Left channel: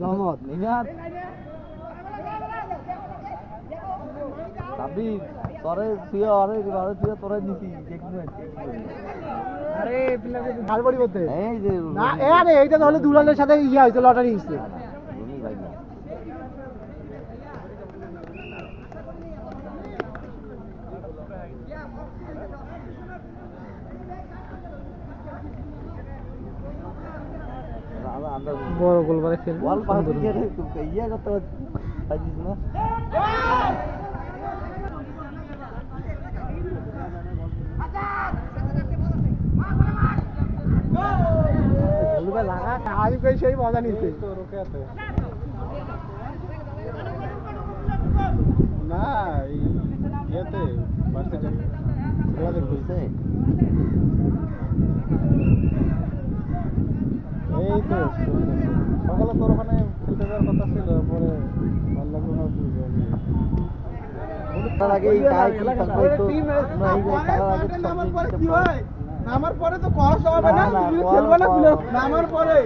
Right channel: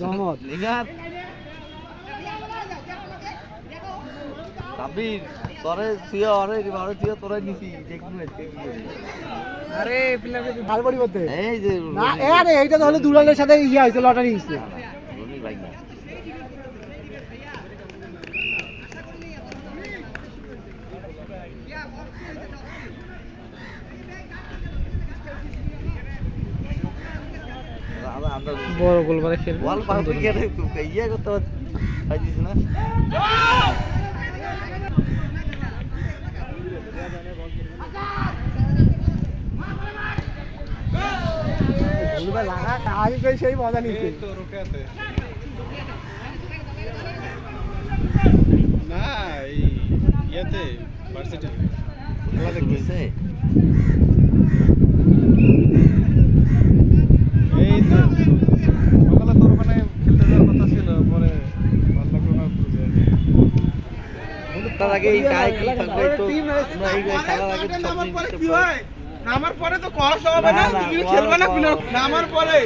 রহমত নিগাত সাবির তোরে তুইও আরে তুইও তোরে নিছি দেখবো আজকে কি করি আরে প্লেয়ারকে ভাল বড়ি করতে এই যে না আরে এইটা তো হলো দুলালের সাথে ইয়া হইছে লটারি হইছে রনি ভাই না বড় গোল করে খেলবে বল পাবি কেন ইয়া করতে পারছিস না আমি কই সেই মজা নিছি তো রোকাতে না এই ইয়াতে ভার্সিটি খেলা দেখতেছে এই তো সকালে তোর ওখানে খেলতে যাওয়ার কথা ছিল পরে ভালো লাগলো না বুঝে তার আগে এই গায়ে কি থাকবে তো আমরা এই খেলার আগে নামার পরে তো কষ্ট হবে না তুমি খেলবে না নামার পরে